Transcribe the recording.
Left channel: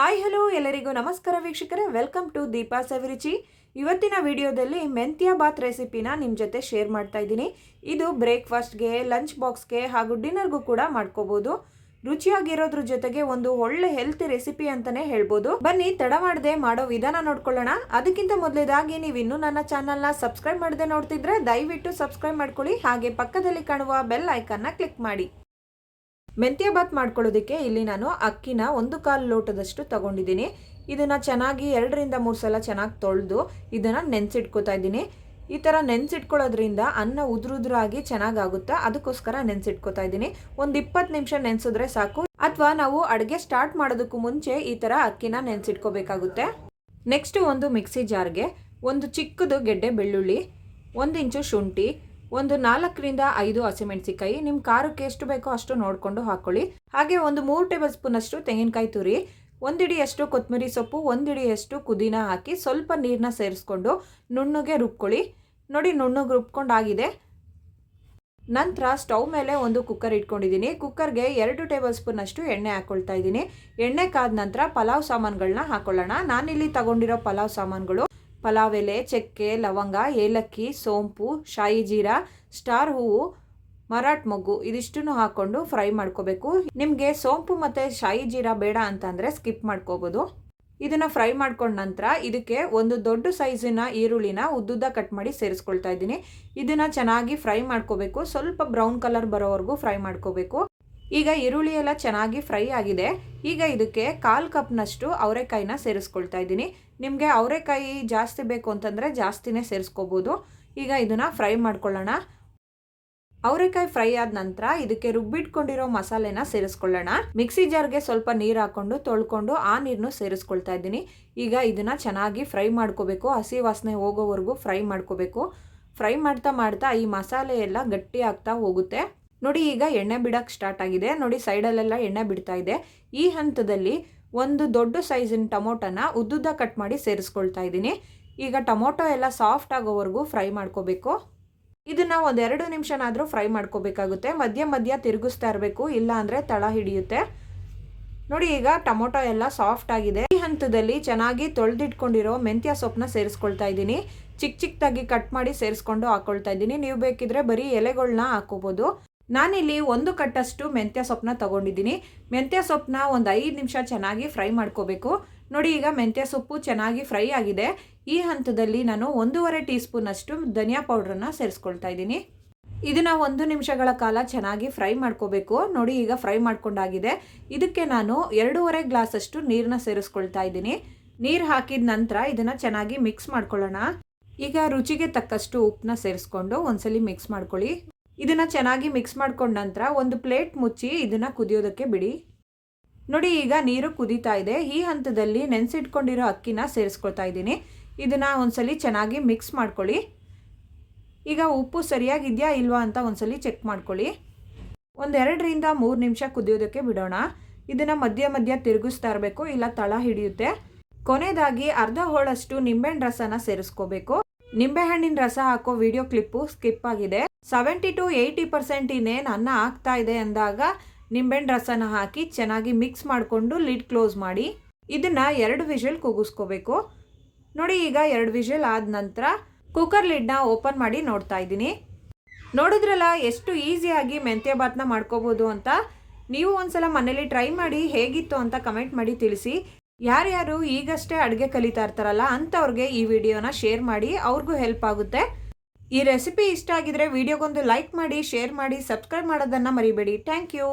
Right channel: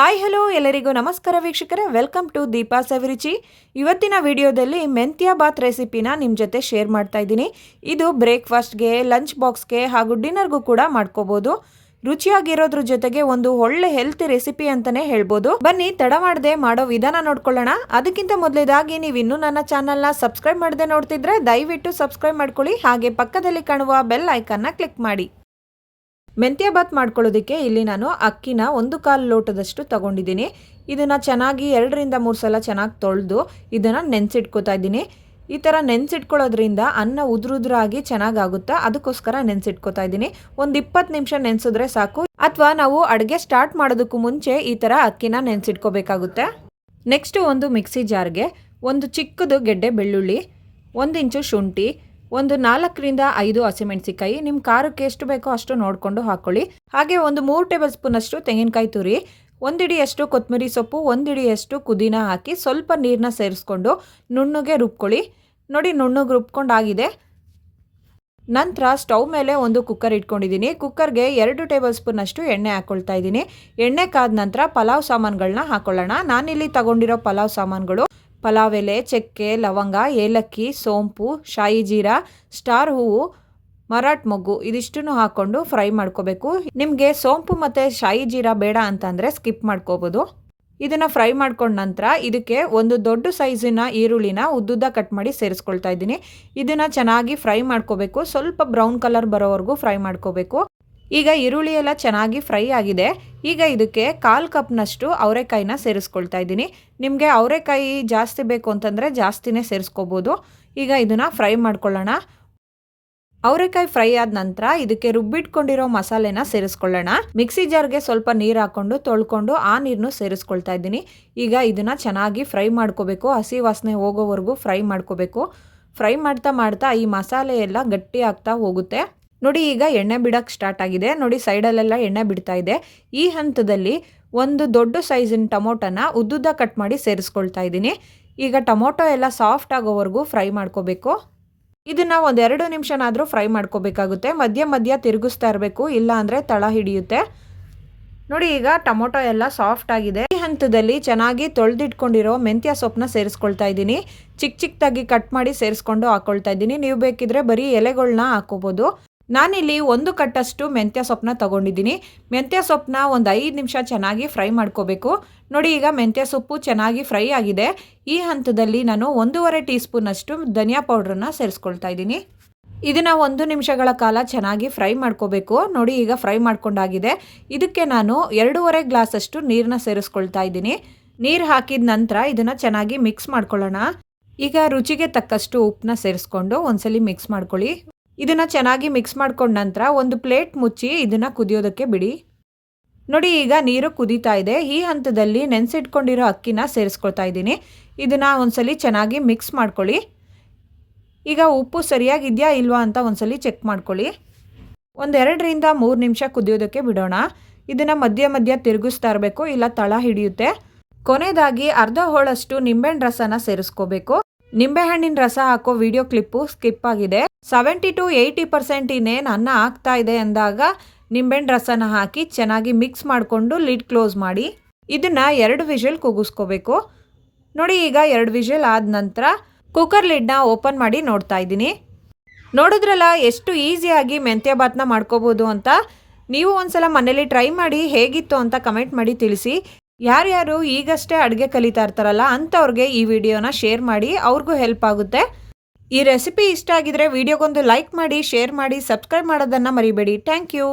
Hi hello ಎಲ್ಲರಿಗೂ ನಮಸ್ಕಾರ ವೀಕ್ಷಕರೇ, ವೆಲ್ಕಮ್ ಟು ದೀಪಾ ಸವಿರುಚಿ. ಇವತ್ತಿನ ವಿಡಿಯೋದಲ್ಲಿ ಮೆಂತ್ಯ ಬಾತ್ ರೆಸಿಪಿನ ನಿಮ್ಮ ಜೊತೆ ಶೇರ್ ಮಾಡ್ತಾ ಇದ್ದೀನಿ. ಇದು ಬ್ರೇಕ್ಫಾಸ್ಟ್ಗೆ, ಲಂಚ್ ಬಾಕ್ಸ್ಗೆ ಹಾಗೂ ಡಿನ್ನರ್ಗೂ ಕೂಡ ಮಾಡ್ಕೋಬೋದು. ರುಚಿಯಾಗಿರೋದ್ರ ಜೊತೆಗೆ ಒಂದು ಒಳ್ಳೆ ಹೆಲ್ತಿ ರೆಸಿಪಿ ಅಂತಲೇ ಹೇಳ್ಬೋದು. ಬನ್ನಿ ತಡ ಮಾಡದೆ ಮಾಡೋ ವಿಧಾನ ನೋಡ್ಕೊಳ್ಳೋಣ. ಅದಕ್ಕಿಂತ ಮೊದಲೇದಾಗಿ ನೀವು ಇನ್ನೂ ನನ್ನ ಚಾನಲ್ನ ಸಬ್ಸ್ಕ್ರೈಬ್ ಮಾಡದೆ ನೋಡ್ತಿದ್ರೆ ದಯವಿಟ್ಟು ಸಬ್ಸ್ಕ್ರೈಬ್ ಮಾಡ್ಕೊಳ್ಳಿ. ಹಾಗೆ ಪಕ್ಕದಲ್ಲಿ ಕಾಣುವ ಬೆಲ್ ಐಕನ್ನ ಕ್ಲಿಕ್ ಮಾಡಿ. ಮೆಂತ್ಯ ಬಾತ್ ಮಾಡ್ಕೊಳ್ಳೋದಕ್ಕೆ ಇಲ್ಲಿ ನಾನು ಅಕ್ಕಿನ 1/4 ಲೋಟದಷ್ಟು ತಗೊಂಡಿದ್ದೀನಿ. ಇದನ್ನು ಚೆನ್ನಾಗಿ 2 ರಿಂದ 3 ಸಲ ಚೆನ್ನಾಗಿ ತೊಳೆದು ಇದನ್ನು ನೆನೆಸಿಟ್ಕೋತಾ ಇದ್ದೀನಿ. ಈ ಥರ ನೆನೆಸಿಟ್ಕೊಳ್ಳೋದ್ರಿಂದ ಅನ್ನ ಉದುರಾಗಿ ಚೆನ್ನಾಗಾಗುತ್ತೆ, ಅದಕ್ಕೋಸ್ಕರ ನೆನೆಸಿಟ್ಕೋತಾ ಇದ್ದೀನಿ. ಒಂದು 20 ನಿಮಿಷ ನೆನೆಸಿದ್ರೆ ಸಾಕು. ಅಥವಾ ನಾವು ಅಡುಗೆ ಸ್ಟಾರ್ಟ್ ಮಾಡೋದಕ್ಕೂ ಮುಂಚೆ ಈ ಥರ ಅಕ್ಕಿನ ನೆನೆಸಿಟ್ಕೋಬೇಕಾಗುತ್ತೆ. ನೆಕ್ಸ್ಟು ಒಂದು ಮಿಕ್ಸಿ ಜಾರ್ಗೆ ಒಂದು ಚಿಕ್ಕದು ಗೆಡ್ಡೆ ಬೆಳ್ಳುಳ್ಳಿ, 1 ಇಂಚು ಶುಂಠಿ, ಒಂದು 4 ರಿಂದ 5 ಹಸಿಮೆಣಸಿಕಾಯಿ, ನಿಮ್ಮ ಖಾರಕ್ಕೆ ಎಷ್ಟು ಬೇಕೋ ಅಷ್ಟು ನೋಡಿಕೊಂಡು ಹಾಕ್ಕೊಳ್ಳಿ. ಹಾಗೆ ಒಂದು 3 ಟೇಬಲ್ ಸ್ಪೂನ್ ಅಷ್ಟು ತೆಂಗಿನಕಾಯಿ ತುರಿ, 1 ಹಿಡಿಯಷ್ಟು ಕೊತ್ತಂಬರಿ ಸೊಪ್ಪು, 1 ಹಿಡಿಯಷ್ಟು ಪುದೀನ ಹಾಕಿ ಸ್ವಲ್ಪ ನೀರನ್ನ ಸೇರಿಸ್ಕೊಂಡು ನುಣ್ಣಗೆ ರುಬ್ಕೊಳ್ಳಿ. ನೋಡಿ, ನುಣ್ಣಗೆ ರುಬ್ಕೊಂಡಾಗಿದೆ. ನಂತರ ಸ್ಟವ್ ಮೇಲೆ ಒಂದು ಕುಕ್ಕರ್ ಇಟ್ಕೊಂಡಿದ್ದೀನಿ. ಕುಕ್ಕರ್ಗೆ 2 ಟೇಬಲ್ ಸ್ಪೂನ್ ಅಷ್ಟು ಎಣ್ಣೆ ಹಾಕ್ಕೊಳ್ತಾ ಇದ್ದೀನಿ. ಎಣ್ಣೆ ಕಾದ ನಂತರ ಪಲಾವ್ ಸಾಮಾನುಗಳನ್ನ ಹಾಕ್ಕೊಳ್ಳೋಣ. ನಾನಿಲ್ಲಿ ತಗೊಂಡಿರೋ ಪಲಾವ್ ಸಾಮಾನುಗಳು ಪಲಾವ್ ಎಲೆ, ಚಕ್ಕೆ, ಲವಂಗ, ಏಲಕ್ಕಿ, ಸೋಂಪು, ಶಾಯಿ ಜೀರಾ, ಸ್ಟಾರ್ ಹೂವು, ಮರಾಠ ಮೊಗ್ಗು ಇದಿಷ್ಟನ್ನು ಹಾಕ್ಕೊಂಡು ಫ್ರೈ ಮಾಡ್ಕೋಬೇಕು. ನಿಮಗೆ ಸೋಂಪು ಮತ್ತು ಶಾಯಿ ಜೀರಾ ಬೇಡ ಅಂತಂದರೆ ಸ್ಕಿಪ್ ಮಾಡ್ಕೋಬೋದು. ಇದನ್ನು ಫ್ರೈ ಮಾಡ್ಕೊಂಡ ನಂತರ ಇದಕ್ಕೆ ಒಂದು ದೊಡ್ಡ ಸೈಜಿನ ಈರುಳ್ಳಿನ ಉದ್ದುದ್ದ ಕಟ್ ಮಾಡಿ ಸೇರಿಸ್ಕೊಳ್ತಾ ಇದ್ದೀನಿ. ಇದನ್ನು ಚೆನ್ನಾಗಿ ಫ್ರೈ ಮಾಡ್ಕೋಬೇಕು. ಸ್ವಲ್ಪ ಬ್ರೌನ್ ಕಲರ್ ಬರೋವರೆಗೂ ಫ್ರೈ ಮಾಡ್ಕೋಬೇಕು. ಈಗ ಈರುಳ್ಳಿ ಎಲ್ಲ ಚೆನ್ನಾಗಿ ಫ್ರೈ ಆಗಿದೆ. ಈಗ ಇದಕ್ಕೆ 1/4 ಕಪ್ನಷ್ಟು ಅವರೆಕಾಯಿನ ಸೇರಿಸ್ಕೊಳ್ತಾ ಇದ್ದೀನಿ. ನಿಮಗೆ ಅವರೆಕಾಯಿ ಜಾಸ್ತಿ ಬೇಕು ಅಂತಂದರೆ ಜಾಸ್ತಿನೇ ಸೇರಿಸ್ಕೋಬೋದು. ಈಗ ಇದನ್ನು ಫ್ರೈ ಮಾಡ್ಕೊಳ್ಳೋಣ. ಅವರೆಕಾಯಿ ಫ್ರೈ ಆದ ನಂತರ ಇದಕ್ಕೆ ರುಬ್ಬಿಟ್ಕೊಂಡಿರೋ ಮಸಾಲೆನ ಸೇರಿಸ್ಕೊಳ್ಳೋಣ. ಮಿಕ್ಸಿ ಜಾರ್ಗೆ ಸ್ವಲ್ಪ ನೀರು ಹಾಕ್ಕೊಂಡು ತೊಳ್ಕೊಂಡು ಆ ನೀರನ್ನು ಸೇರಿಸ್ಕೊಳ್ತಾ ಇದ್ದೀನಿ. ಈಗ ಇದನ್ನು ಚೆನ್ನಾಗಿ ಫ್ರೈ ಮಾಡ್ಕೋಬೇಕು. ಹಸಿ ವಾಸನೆ ಹೋಗೋವರೆಗೂ ಫ್ರೈ ಮಾಡ್ಕೋಬೇಕು. ಫ್ರೈ ಮಾಡ್ತಾ ಮಾಡ್ತಾ ಈ ಮಸಾಲೆ ಎಲ್ಲ ಗಟ್ಟಿ ಆಗ್ತಾ ಹೋಗುತ್ತೆ. ನೋಡಿ, ಈಗ ಎಣ್ಣೆ ಬಿಡೋಕ್ಕೆ ಸ್ಟಾರ್ಟ್ ಆಗಿದೆ. ನೋಡಿ, ಸೈಡಲ್ಲೆಲ್ಲ ಎಣ್ಣೆ ಬಿಡ್ತಾ ಇದೆ. ಈ ಹಂತದಲ್ಲಿ ಒಂದು ದೊಡ್ಡ ಸೈಜಿನ ಟೊಮೊಟೊನ ಉದ್ದುದ್ದ ಕಟ್ ಮಾಡಿ ಸೇರಿಸ್ಕೊಳ್ತಾ ಇದ್ದೀನಿ. ಈಗ ಟೊಮೊಟೊ ಎಲ್ಲ ಸಾಫ್ಟ್ ಆಗೋವರೆಗೂ ಫ್ರೈ ಮಾಡ್ಕೋಬೇಕು. ಇದನ್ನು ಒಂದು 2 ನಿಮಿಷನಾದರೂ ಫ್ರೈ ಮಾಡ್ಕೋಬೇಕಾಗುತ್ತೆ. ಮಧ್ಯ ಮಧ್ಯ ತಿರುಗಿಸ್ತಾ ಇರಬೇಕು, ಇಲ್ಲ ಅಂದರೆ ತಳ ಹಿಡಿಯುತ್ತೆ. ನೋಡಿ, ಈಗ ಟೊಮೊಟೊ ಎಲ್ಲ ಸಾಫ್ಟ್ ಆಗಿದೆ. ಈ ಹಂತದಲ್ಲಿ ಚೆನ್ನಾಗಿ ತೊಳೆದಿಟ್ಕೊಂಡಿರೋ ಮೆಂತ್ಯ ಸೊಪ್ಪನ್ನ ಸೇರಿಸ್ಕೊಳ್ತಾ ಇದ್ದೀನಿ. ಚಿಕ್ಕದಾಗಿ ಕಟ್ ಮಾಡಿ ಸೇರಿಸ್ಕೊಂಡು ಹಾಕ್ಕೊಳ್ತಾ ಇದ್ದೀನಿ. ನೀವು ಬೇಕಿದ್ರೆ ಬರೀ ಎಲೆಗಳನ್ನ ಹಾಕೋಬೋದು. ನಾನಿಲ್ಲಿ 1 ಕಟ್ಟಷ್ಟು ಮೆಂತ್ಯ ಸೊಪ್ಪನ್ನ ತೊಗೊಂಡಿದ್ದೀನಿ. ಮೆಂತ್ಯ ಸೊಪ್ಪನ್ನ ಒಂದು 5 ನಿಮಿಷ ಚೆನ್ನಾಗಿ ಫ್ರೈ ಮಾಡ್ಕೋಬೇಕು. ನೋಡಿ, ಈಗ ಮೆಂತ್ಯ ಸೊಪ್ಪು ಚೆನ್ನಾಗಿ ಫ್ರೈ ಆಗಿದೆ. ಈ ಹಂತದಲ್ಲಿ ನಾನು 1.5 ಟೀ ಸ್ಪೂನಷ್ಟು ಧನಿಯಾ ಪೌಡ್ರನ್ನ ಸೇರಿಸ್ಕೊಳ್ತಾ ಇದ್ದೀನಿ. ಇದನ್ನು 1 ನಿಮಿಷಗಳ ಕಾಲ ಚೆನ್ನಾಗಿ ಫ್ರೈ ಮಾಡ್ಕೋಬೇಕು. ನೋಡಿ, ಈಗ ಫ್ರೈ ಮಾಡ್ಕೊಂಡಾಗಿದೆ. ಇದಕ್ಕೆ ನಾನು 2.5 ಗ್ಲಾಸಷ್ಟು ನೀರನ್ನ ಸೇರಿಸ್ಕೊಳ್ತಾ ಇದ್ದೀನಿ. ನೀರು ಹಾಕಿದ ನಂತರ ಇದನ್ನು ಚೆನ್ನಾಗಿ ಮಿಕ್ಸ್ ಮಾಡ್ಕೊಳ್ಳೋಣ. ಈಗ ರುಚಿಗೆ ತಕ್ಕಷ್ಟು ಉಪ್ಪನ್ನ ಸೇರಿಸ್ಕೊಂಡು ಒಂದ್ಸಲಿ ಮಿಕ್ಸ್ ಮಾಡ್ಕೊಳ್ಳಿ. ಇದನ್ನು ಚೆನ್ನಾಗಿ ಮಿಕ್ಸ್ ಮಾಡ್ಕೊಂಡ ನಂತರ ಒಂದು ಪ್ಲೇಟ್ ಮುಚ್ಚಿ ಇದನ್ನು ಕುದಿಯೋದಕ್ಕೆ ಬಿಡಿ. ನೋಡಿ, ಈಗ ನೀರು ಕುದೀತಾ ಇದೆ. ಈ ಹಂತದಲ್ಲಿ ನೆನೆಸಿಟ್ಕೊಂಡಿರೋ ಅಕ್ಕಿನ ಸೇರಿಸ್ಕೊಳ್ತಾ ಇದ್ದೀನಿ. ಇದನ್ನು ಒಂದ್ಸಲಿ ಚೆನ್ನಾಗಿ ಮಿಕ್ಸ್ ಮಾಡ್ಕೊಳ್ಳಿ. ಈಗ ಉಪ್ಪು ಸರಿಯಾಗಿದೆಯಾ ಇಲ್ವಾ ಅಂತ ಒಂದ್ಸಲಿ ಚೆಕ್ ಮಾಡ್ಕೊಳ್ಳಿ. ಒಂದು 2 ರಿಂದ 3 ನಿಮಿಷ ಕುದಿಯೋದಕ್ಕೆ ಬಿಡೋಣ. ಇದನ್ನು ಮಧ್ಯ ಮಧ್ಯ ತಿರುಗಿಸ್ತಾ ಇರಬೇಕು, ಇಲ್ಲ ತಳ ಹಿಡಿಯುತ್ತೆ. ಕೊನೆಯದಾಗಿ ಅರ್ಧ ಹೋಳಷ್ಟು ನಿಂಬೆಹಣ್ಣು ರಸನ ಸೇರಿಸ್ಕೋಬೇಕು. ನಿಂಬೆಹಣ್ಣಿನ ರಸ ಹಾಕೋ ವಿಡಿಯೋ ಕ್ಲಿಪ್ಪು ಸ್ಕಿಪ್ ಆಗಿದೆ. 70 to 80% ಇನ್ನೇನು ಅನ್ನ ಆಗ್ತಾ ಇದೆ ಅಂದಾಗ ನಿಂಬೆಹಣ್ಣು ರಸನ ಹಾಕಿ ಚೆನ್ನಾಗಿ ಮಿಕ್ಸ್ ಮಾಡಿಕೊಂಡು ಲಿಡ್ ಕ್ಲೋಸ್ ಮಾಡಿ ಇದನ್ನು 2 ವಿಷಲ್ ಕೂಗಿಸ್ಕೋಬೇಕು. ನೋಡಿ, ಈಗ 2 ವಿಷಲ್ ಆದ ನಂತರ ಕುಕ್ಕರ್ ಲಿಡ್ನ ಓಪನ್ ಮಾಡಿ ನೋಡ್ತಾ ಇದ್ದೀನಿ. ನೋಡಿದ್ರಲ್ಲ ಎಷ್ಟು ಈಸಿಯಾಗಿ ಮೆಂತ್ಯ ಬಾತ್ನ ಮಾಡ್ಕೋಬೋದು ಅಂತ. ನೀವು ಒಂದ್ಸಲ ಮನೇಲಿ ಟ್ರೈ ಮಾಡಿ ಹೇಗಿತ್ತು ಅಂತ ಕಮೆಂಟ್ ಮಾಡಿ ತಿಳಿಸಿ. ಯಾರ್ಯಾರು ಈಗಷ್ಟೇ ಅಡುಗೆ ಕಲಿತಾ ಇರ್ತಾರಲ್ಲ ಅಂಥವ್ರಿಗೆ ಈ ವಿಡಿಯೋನ ಶೇರ್ ಮಾಡಿ, ಅವ್ರಿಗೂ ಹೆಲ್ಪ್ ಆಗುತ್ತೆ. ಈ ರೆಸಿಪಿ ಇಷ್ಟ ಆಗಿದ್ರೆ ವಿಡಿಯೋಗೊಂದು ಲೈಕ್ ಮಾಡಿ, ಶೇರ್ ಮಾಡಿ, ಸಬ್ಸ್ಕ್ರೈಬ್ ಮಾಡೋದನ್ನು ಮರಿಬೇಡಿ. Thank you.